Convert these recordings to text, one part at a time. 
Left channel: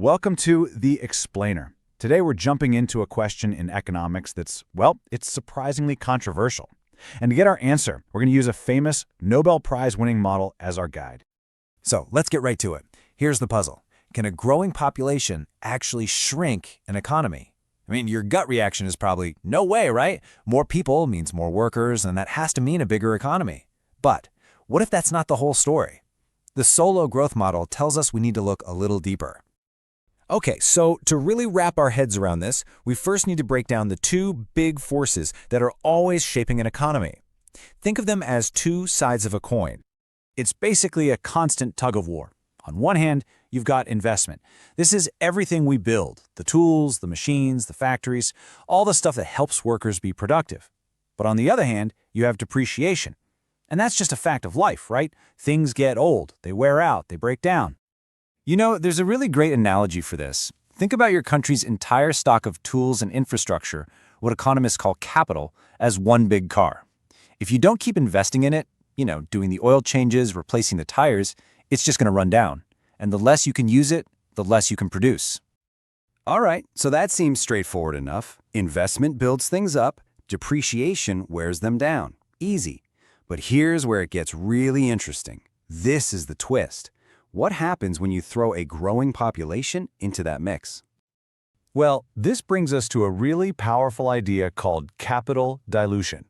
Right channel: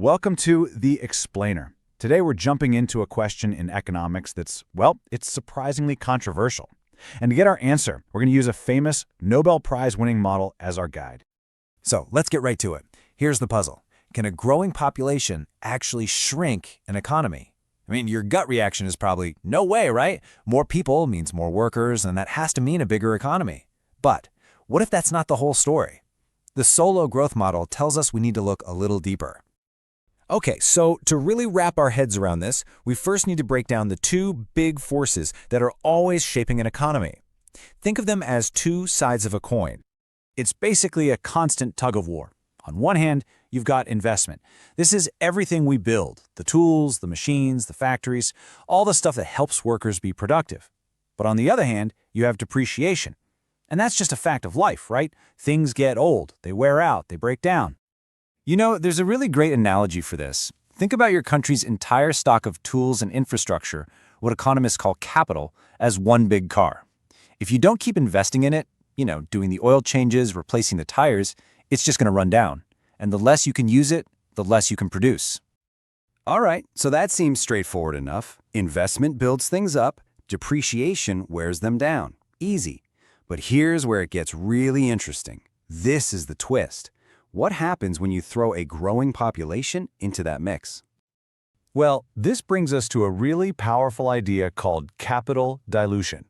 Welcome to The Explainer. Today we're jumping into a question in economics that's, well, it's surprisingly controversial. And to get our answer, we're going to use a famous Nobel Prize-winning model as our guide. So let's get right to it. Here's the puzzle. Can a growing population actually shrink an economy? I mean, your gut reaction is probably, no way, right? More people means more workers, and that has to mean a bigger economy. But what if that's not the whole story? The Solow growth model tells us we need to look a little deeper. Okay, so to really wrap our heads around this, we first need to break down the two big forces that are always shaping an economy. Think of them as two sides of a coin. It's basically a constant tug-of-war. On one hand, you've got investment. This is everything we build, the tools, the machines, the factories, all the stuff that helps workers be productive. But on the other hand, you have depreciation. And that's just a fact of life, right? Things get old, they wear out, they break down. You know, there's a really great analogy for this. Think about your country's entire stock of tools and infrastructure, what economists call capital, as one big car. If you don't keep investing in it, doing the oil changes, replacing the tires, it's just going to run down. And the less you can use it, the less you can produce. All right, so that seems straightforward enough. Investment builds things up, depreciation wears them down. Easy. But here's where it gets really interesting. This is the twist. What happens when you throw a growing population into that mix? Well, this brings us to a really powerful idea called capital dilution.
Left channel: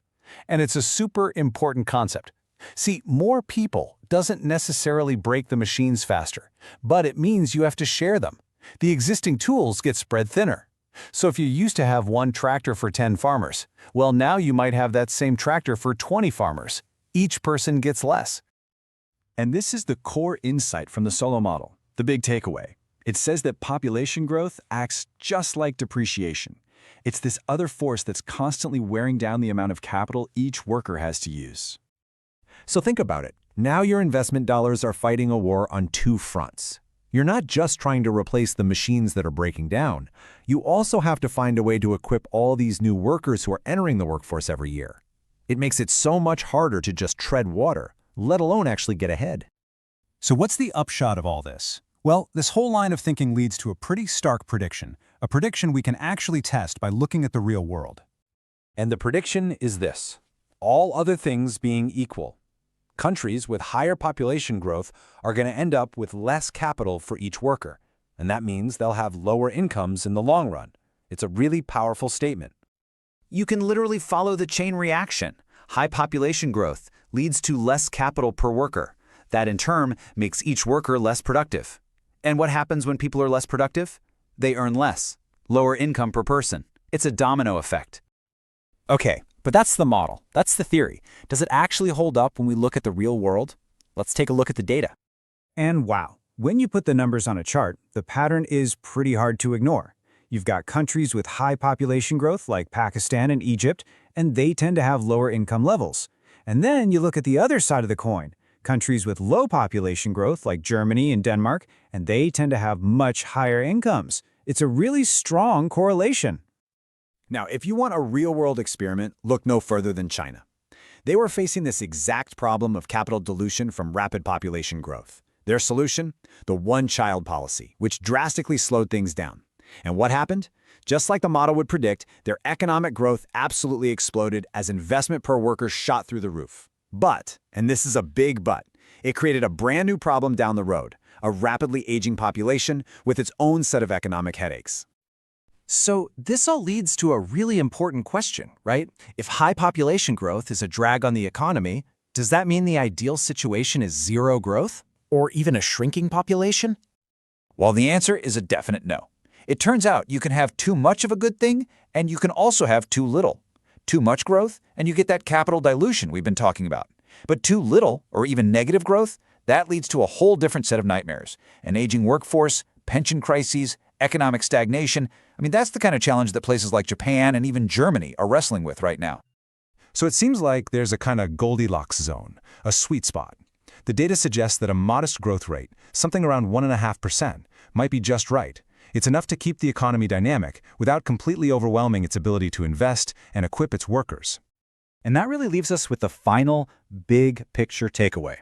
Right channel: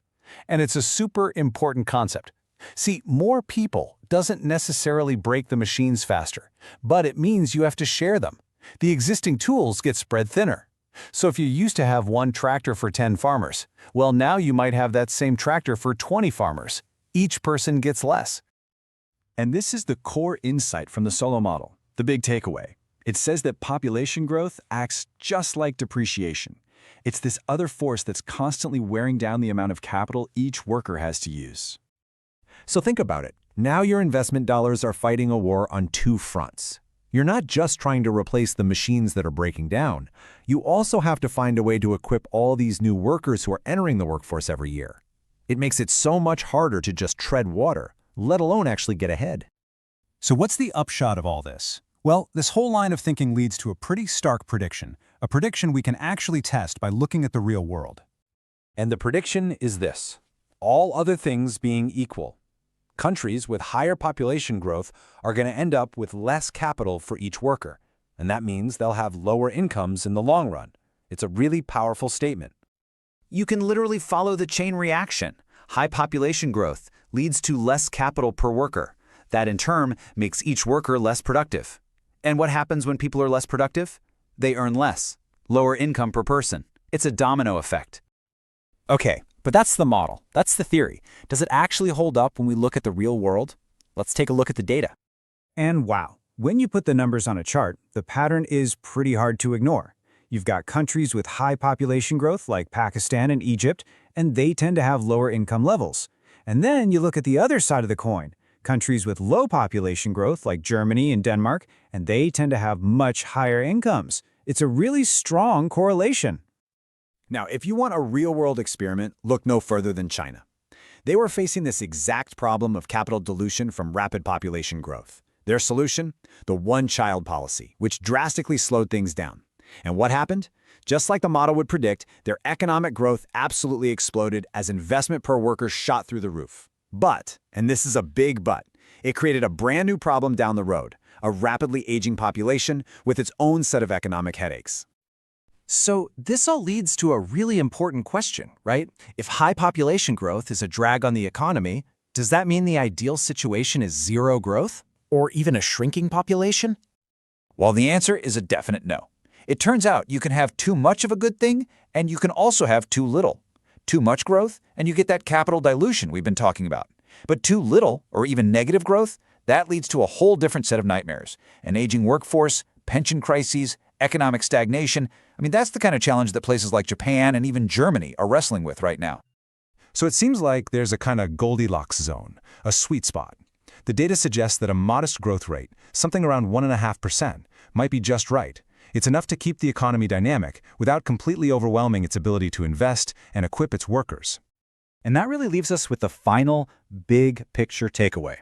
And it's a super important concept. See, more people doesn't necessarily break the machines faster, but it means you have to share them. The existing tools get spread thinner. So if you used to have one tractor for 10 farmers, well, now you might have that same tractor for 20 farmers. Each person gets less. And this is the core insight from the Solow model, the big takeaway. It says that population growth acts just like depreciation. It's this other force that's constantly wearing down the amount of capital each worker has to use. So think about it. Now your investment dollars are fighting a war on two fronts. You're not just trying to replace the machines that are breaking down. You also have to find a way to equip all these new workers who are entering the workforce every year. It makes it so much harder to just tread water, let alone actually get ahead. So what's the upshot of all this? Well, this whole line of thinking leads to a pretty stark prediction, a prediction we can actually test by looking at the real world. And the prediction is this: all other things being equal, countries with higher population growth are going to end up with less capital for each worker, and that means they'll have lower incomes in the long run. It's a really powerful statement. You can literally follow the chain reaction. High population growth leads to less capital per worker. That in turn makes each worker less productive. And what happens when people are less productive? They earn less, lower income per person. It's a domino effect. Okay, but that's the model. That's the theory. Does it actually hold up when we look at the real world? Let's take a look at the data. And wow, when you put the numbers on a chart, the pattern is pretty hard to ignore. You've got countries with high population growth like Pakistan and Egypt, and they tend to have lower income levels. And then you look at the other side of the coin, countries with low population growth like Germany and Denmark, and they tend to have much higher incomes. It's a really strong correlation. Now, if you want a real-world experiment, look no further than China. They were facing this exact problem of capital dilution from rapid population growth. Their solution? The one-child policy, which drastically slowed things down. And what happened? Just like the model would predict, their economic growth absolutely exploded as investment per worker shot through the roof. But, and this is a big but, it created a brand new problem down the road, a rapidly aging population with its own set of economic headaches. So this all leads to a really important question, right? If high population growth is a drag on the economy, does that mean the ideal situation is zero growth? Or even a shrinking population? Well, the answer is a definite no. It turns out you can have too much of a good thing, and you can also have too little. Too much growth, and you get that capital dilution we've been talking about. But too little, or even negative growth, that leads to a whole different set of nightmares. An aging workforce, pension crises, economic stagnation. I mean, that's the kind of challenge that places like Japan and even Germany are wrestling with right now. So it seems like there's a kind of Goldilocks zone, a sweet spot. The data suggests that a modest growth rate, something around 1.5%, might be just right. It's enough to keep the economy dynamic without completely overwhelming its ability to invest and equip its workers. And that really leaves us with the final big picture takeaway.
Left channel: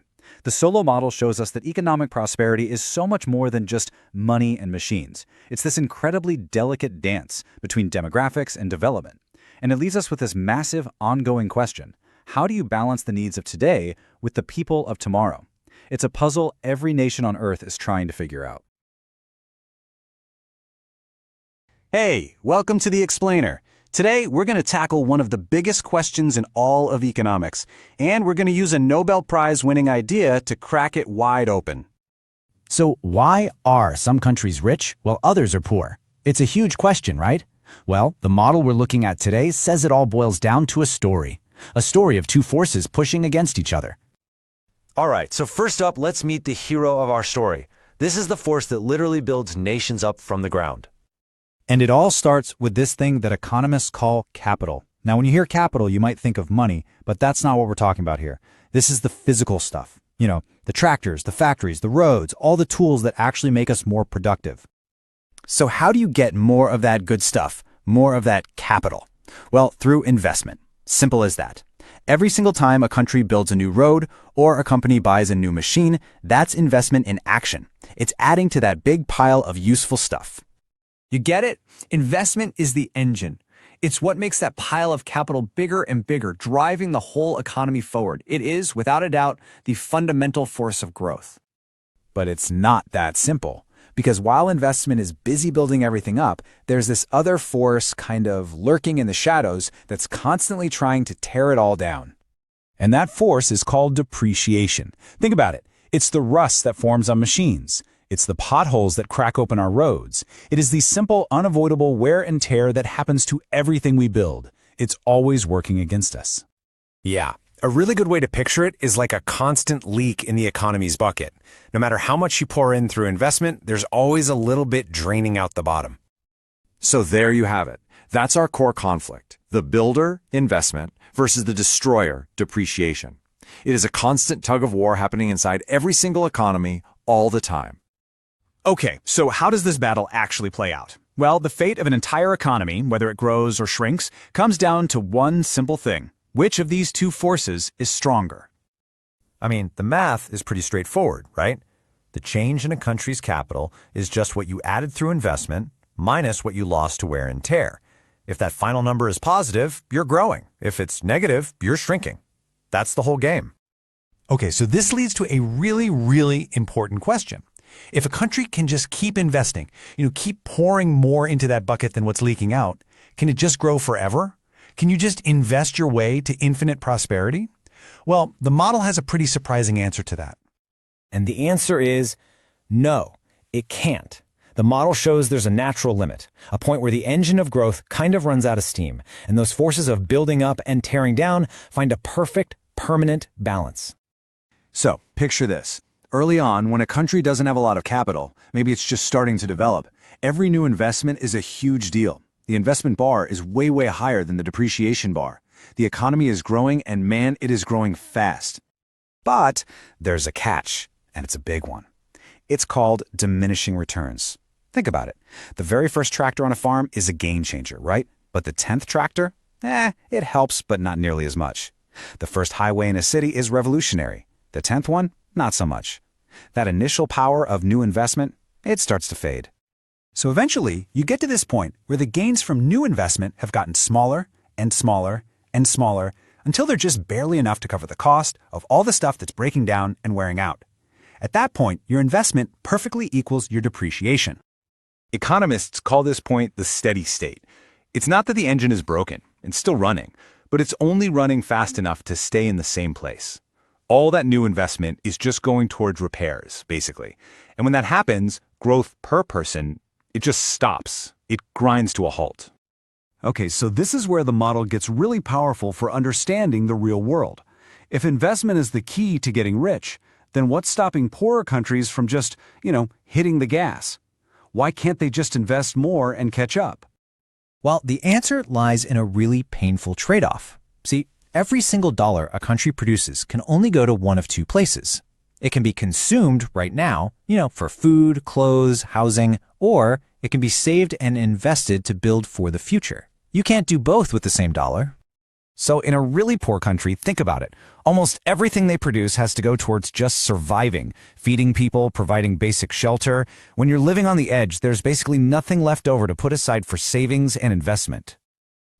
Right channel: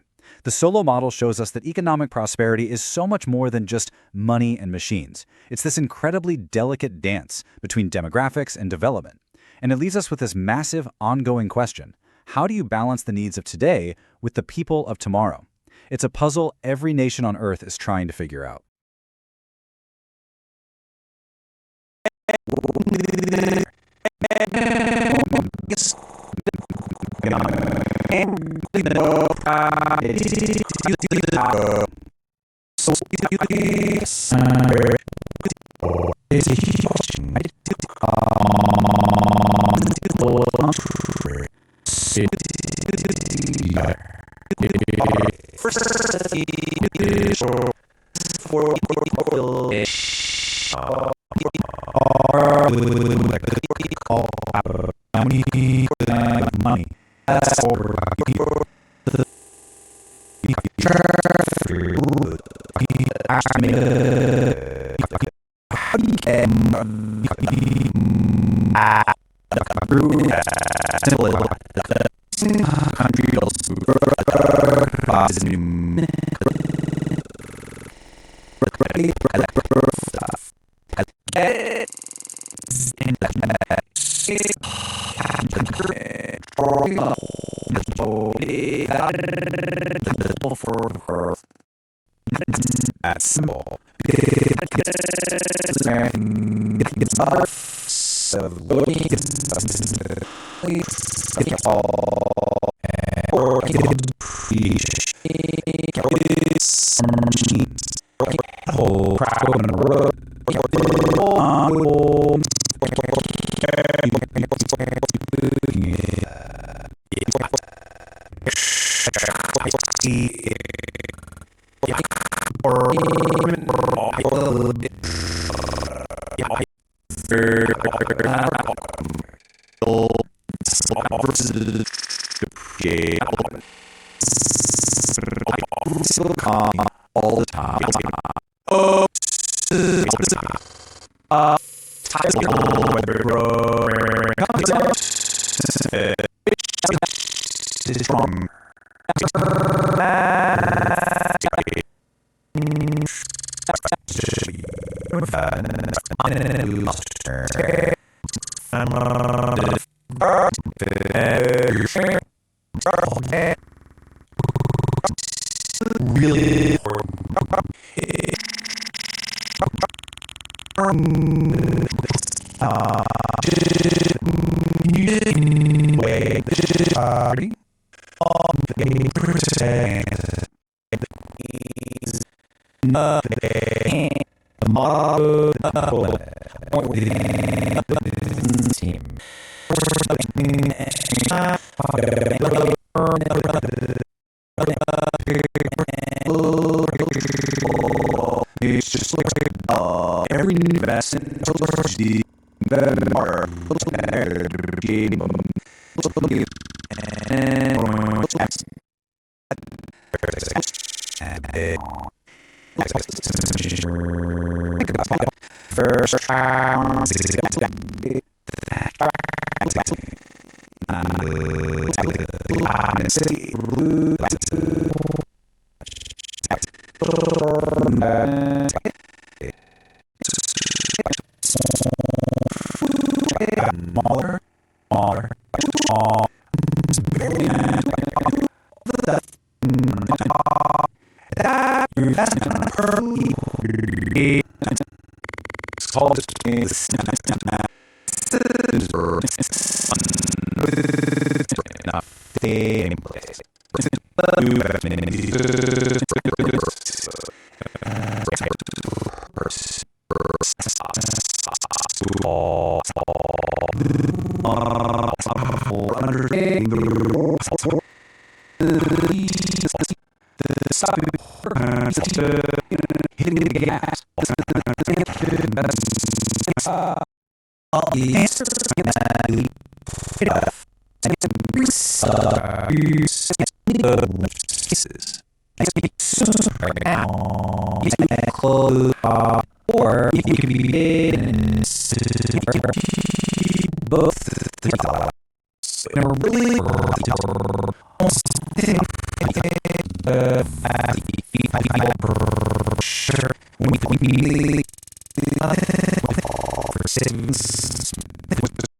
The Solow model shows us that economic prosperity is so much more than just money and machines. It's this incredibly delicate dance between demographics and development. And it leaves us with this massive, ongoing question. How do you balance the needs of today with the people of tomorrow? It's a puzzle every nation on Earth is trying to figure out. Hey, welcome to The Explainer. Today, we're going to tackle one of the biggest questions in all of economics. And we're going to use a Nobel Prize-winning idea to crack it wide open. So why are some countries rich while others are poor? It's a huge question, right? Well, the model we're looking at today says it all boils down to a story of two forces pushing against each other. All right, so first up, let's meet the hero of our story. This is the force that literally builds nations up from the ground. And it all starts with this thing that economists call capital. Now, when you hear capital, you might think of money, but that's not what we're talking about here. This is the physical stuff. You know, the tractors, the factories, the roads, all the tools that actually make us more productive. So how do you get more of that good stuff, more of that cap? Well, through investment. Simple as that. Every single time a country builds a new road or a company buys a new machine, that's investment in action. It's adding to that big pile of useful stuff. You get it? Investment is the engine. It's what makes that pile of capital bigger and bigger, driving the whole economy forward. It is, without a doubt, the fundamental force of growth. But it's not that simple. Because while investment is busy building everything up, there's this other force kind of lurking in the shadows that's constantly trying to tear it all down. And that force is called depreciation. Think about it. It's the rust that forms on machines. It's the potholes that crack open on roads. It is the simple, unavoidable wear and tear that happens to everything we build. It's always working against us. Yeah, a really good way to picture it is like a constant leak in the economy's bucket. No matter how much you pour in through investment, there's always a little bit draining out the bottom. So there you have it. That's our core conflict. The builder, investment, versus the destroyer, depreciation. It is a constant tug of war happening inside every single economy all the time. Okay, so how does this battle actually play out? Well, the fate of an entire economy, whether it grows or shrinks, comes down to one simple thing. Which of these two forces is stronger? I mean, the math is pretty straightforward, right? The change in a country's capital is just what you added through investment minus what you lost to wear and tear. If that final number is positive, you're growing. If it's negative, you're shrinking. That's the whole game. Okay, so this leads to a really, really important question. If a country can just keep investing, keep pouring more into that bucket than what's leaking out, can it just grow forever? Can you just invest your way to infinite prosperity? Well, the model has a pretty surprising answer to that. And the answer is no, it can't. The model shows there's a natural limit, a point where the engine of growth kind of runs out of steam, and those forces of building up and tearing down find a perfect, permanent balance. So, picture this. Early on, when a country doesn't have a lot of capital, maybe it's just starting to develop, every new investment is a huge deal. The investment bar is way, way higher than the depreciation bar. The economy is growing, and man, it is growing fast. But there's a catch, and it's big. It's called diminishing returns. Think about it. The very first tractor on a farm is a game changer, right? But the 10th tractor? It helps, but not nearly as much. The first highway in a city is revolutionary. The 10th one? Not so much. That initial power of new investment, it starts to fade. So eventually, you get to this point where the gains from new investment have gotten smaller and smaller and smaller until they're just barely enough to cover the cost of all the stuff that's breaking down and wearing out. At that point, your investment perfectly equals your depreciation. Economists call this point the steady state. It's not that the engine is broken, it's still running, but it's only running fast enough to stay in the same place. All that new investment is just going towards repairs, basically. And when that happens, growth per person, it just stops. It grinds to a halt. Okay, so this is where the model gets really powerful for understanding the real world. If investment is the key to getting rich, then what's stopping poorer countries from just, hitting the gas? Why can't they just invest more and catch up? Well, the answer lies in a really painful trade-off. See, every single dollar a country produces can only go to one of two places. It can be consumed right now, for food, clothes, housing, or it can be saved and invested to build for the future. You can't do both with the same dollar. So in a really poor country, think about it. Almost everything they produce has to go towards just surviving, feeding people, providing basic shelter. When you're living on the edge, there's basically nothing left over to put aside for savings and investment.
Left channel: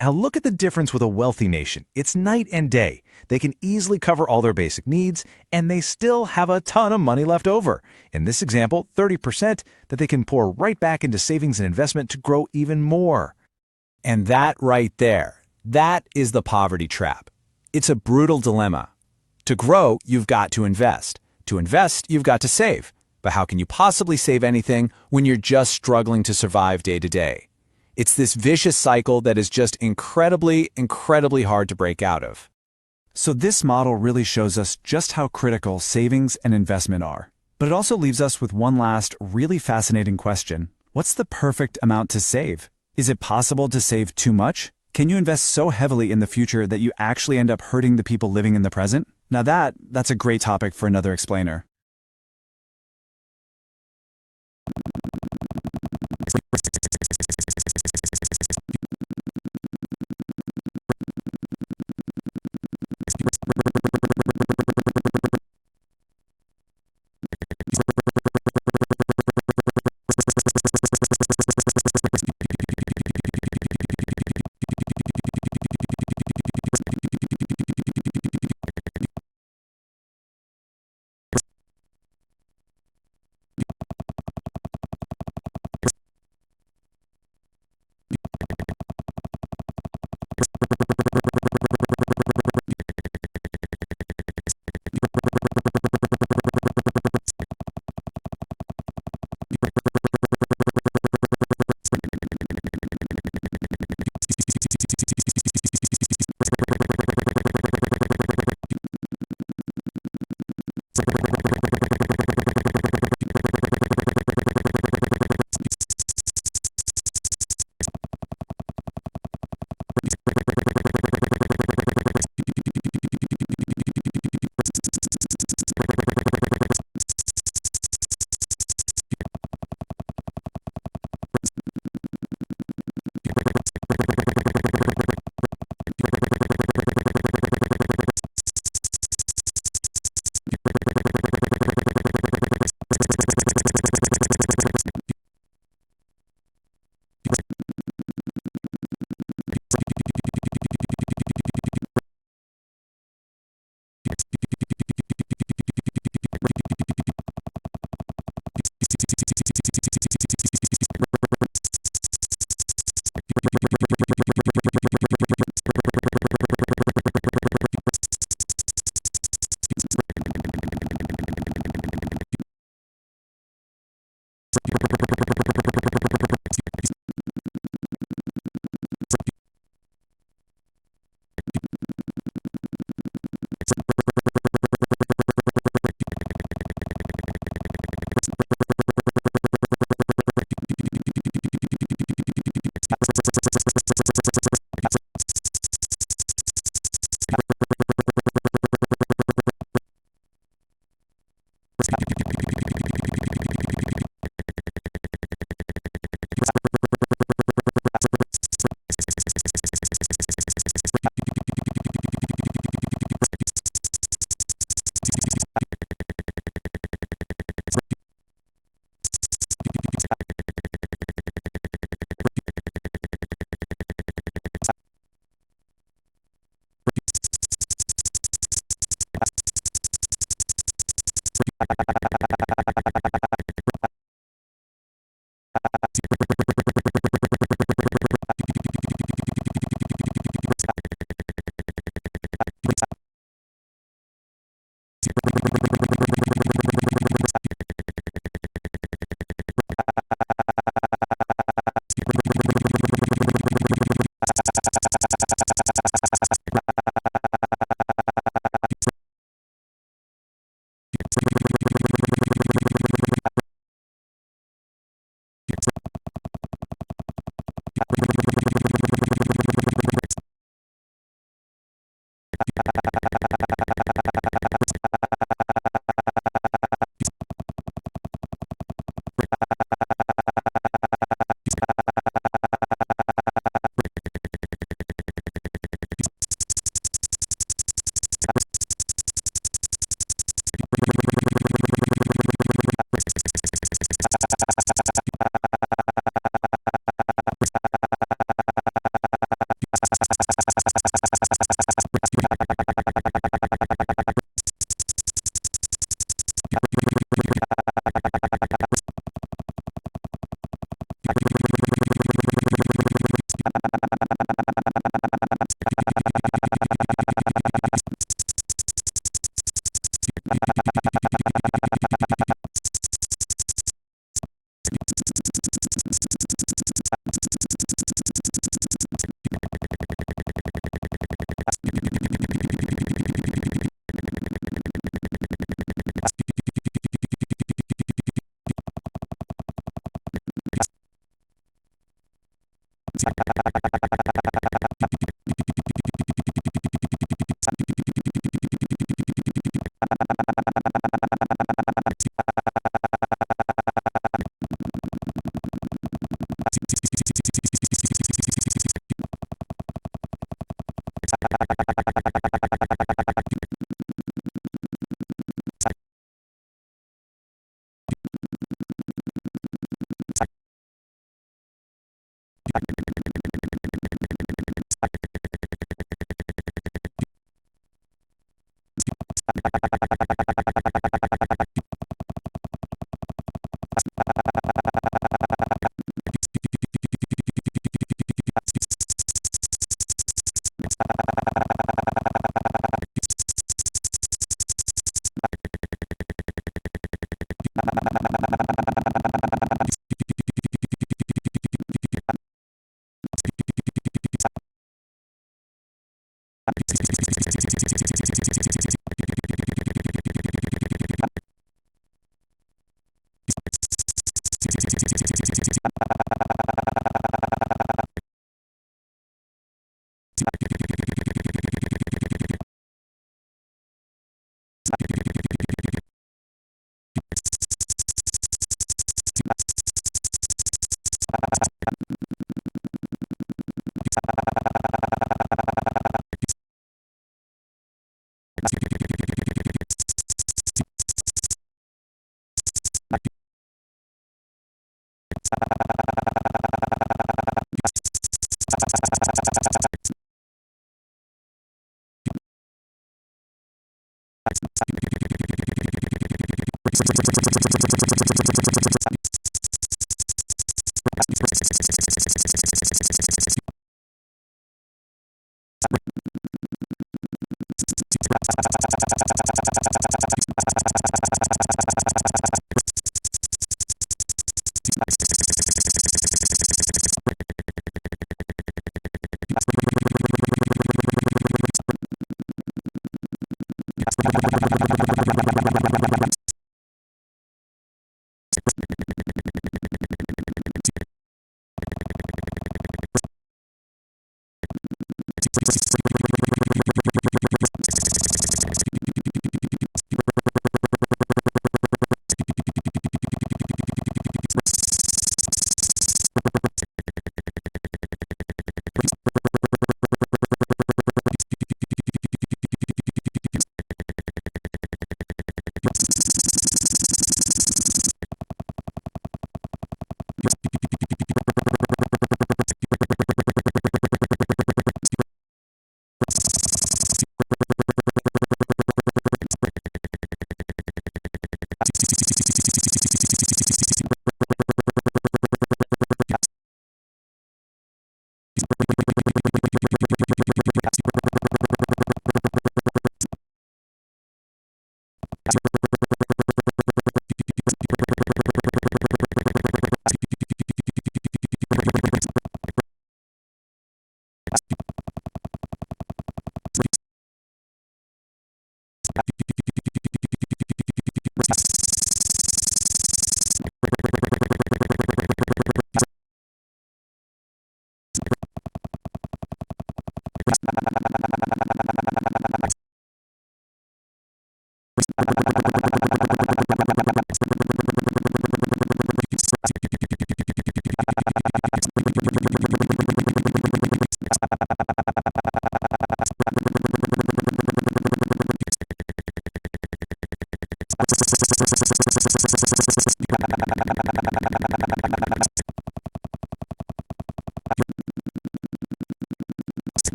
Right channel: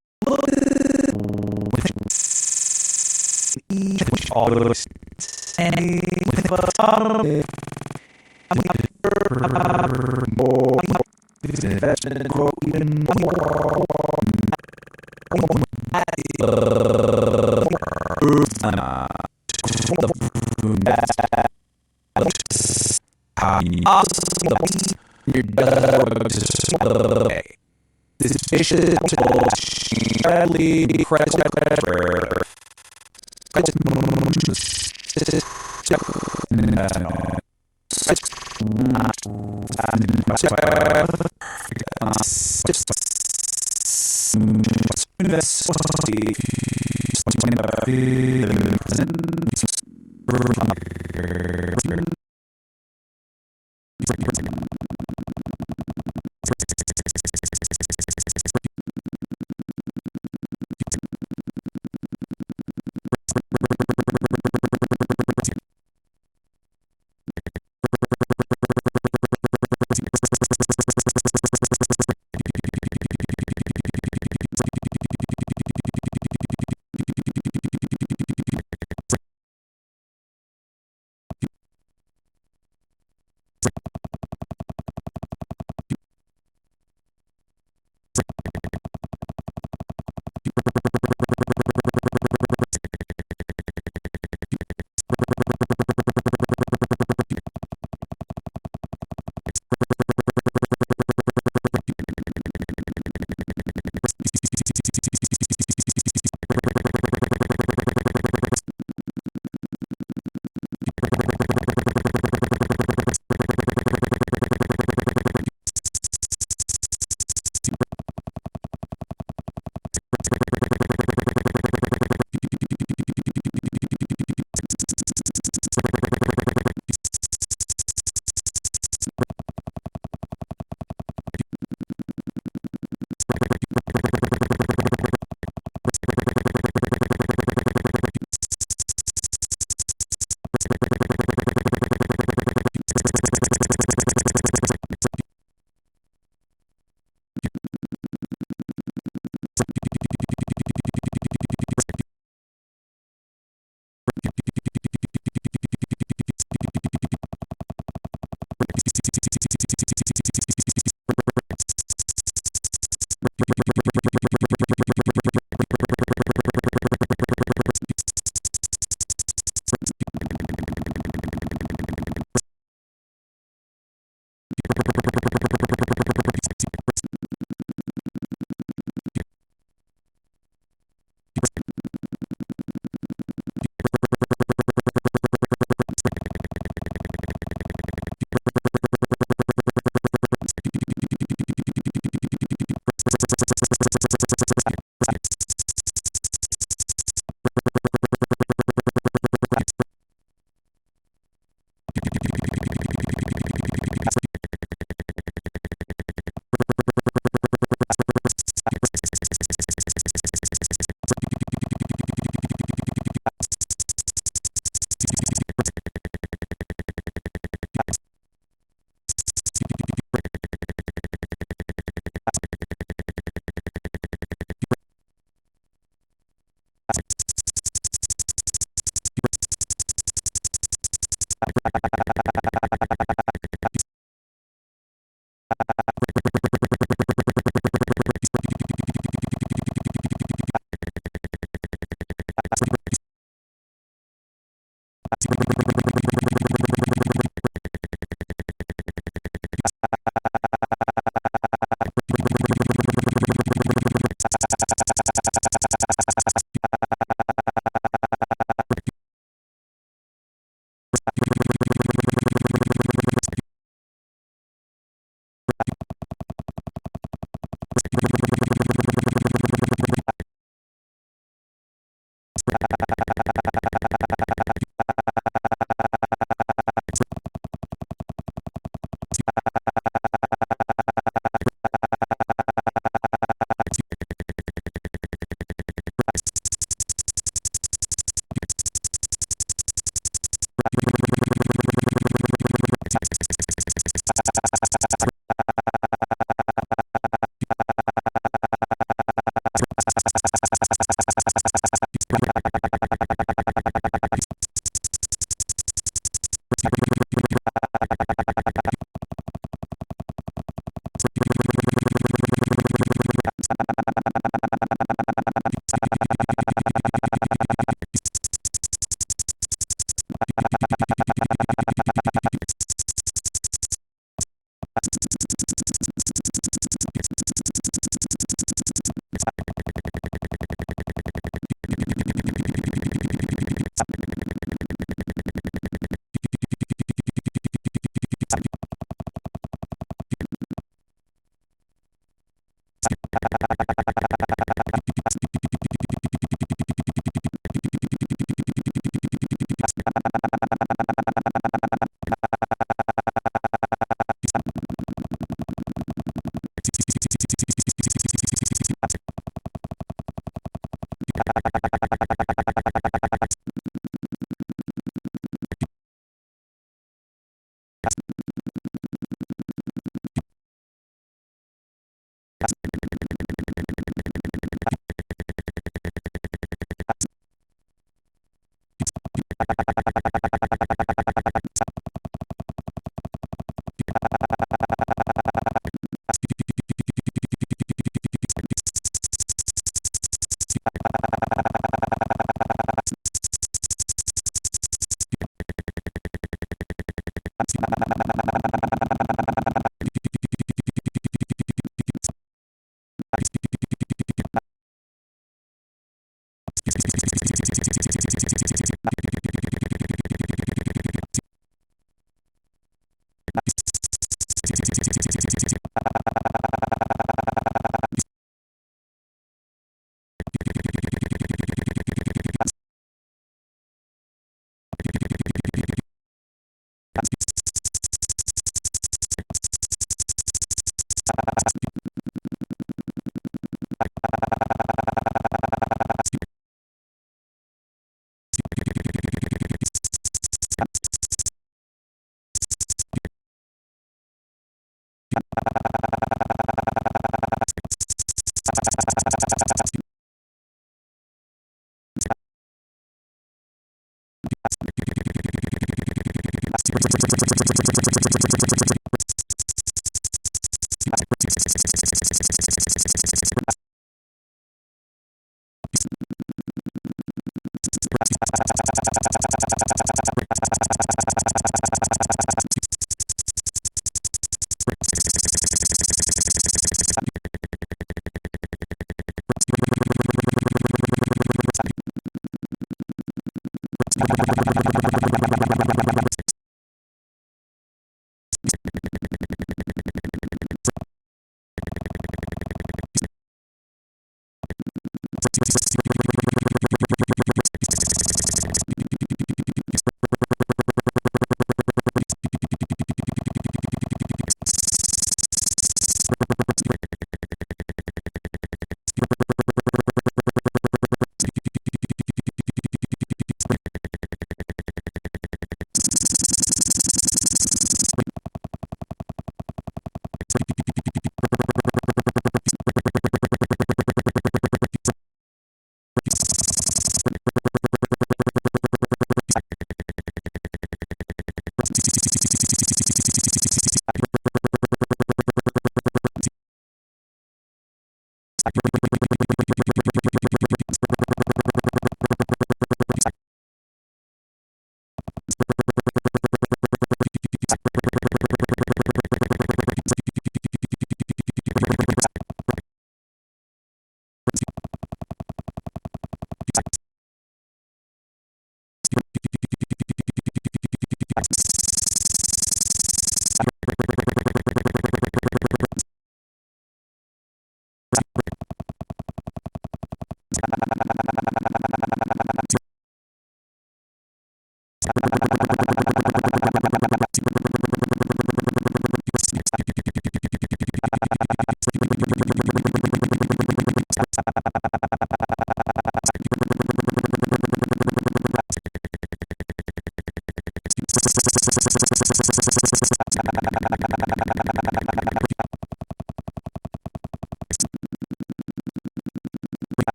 Now look at the difference with a wealthy nation. It's night and day. They can easily cover all their basic needs and still have a ton of money left over. In this example, 30% they can pour right back into savings and investment to grow even more. And that right there, that is the poverty trap. It's a brutal dilemma. To grow, you've got to invest. To invest, you've got to save. But how can you possibly save anything when you're just struggling to survive day to day? It's this vicious cycle that is just incredibly hard to break out of. So this model really shows us just how critical savings and investment are. But it also leaves us with one last really fascinating question. What's the perfect amount to save? Is it possible to save too much? Can you invest so heavily in the future that you actually end up hurting the people living in the present? Now that's a great topic for another explainer.